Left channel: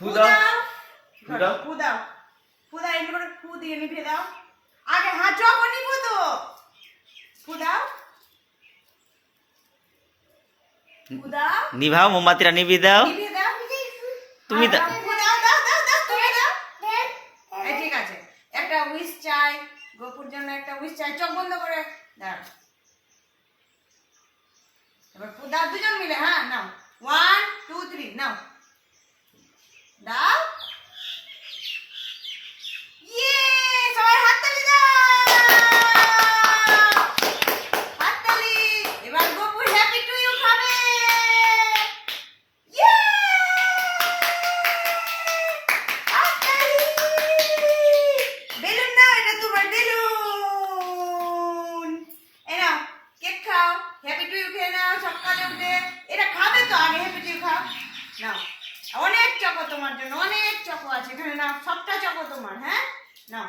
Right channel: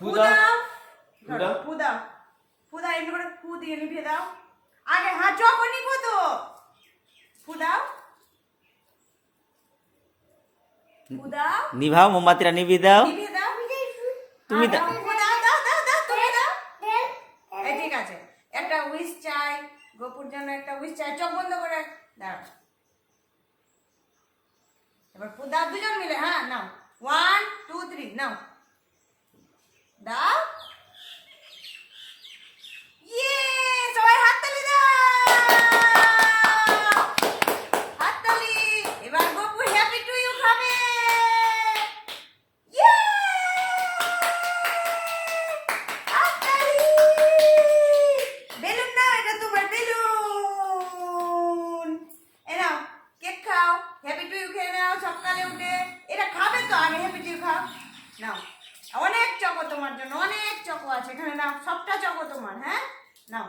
ফু দাও ফু দাও ফু দাও ফু দাও এমনি করে ফু দিয়ে নিভিয়ে দাও আগে হাত যখন নিবো তো ফু দাও ফু দাও নিভাও মোমবাতিটা নিভিয়ে দাও নিভিয়ে দাও তুমি দাও ফু দাও দাও দাও দাও তুমি দাও এই ঠিক আছে একটা উইশ চাই গোপুর জন্য একটা উইশ চাই চোখ বন্ধ করে দাঁড়াও এবার ফু দাও দুজন মিলে হ্যাঁ নাও 1 2 3 নাও দাও ইয়ে সবাই হাততালি দাও হাততালি এবার গোপু হ্যাপি টু ইউ খাবে ইয়ে হাততালি বেলুন নাও এটা তোমার বেলুন এই নাও কেক খাও হ্যাপি টু ইউ খেয়ে নাও সকালে উঠে এটা খাবে তো আগে হ্যাপি টু ইউ খাও নাও অনেক চকো তোমার জন্য অনেক চকো আছে এখানে নাও সবটা চকো তোমার হ্যাঁ নাও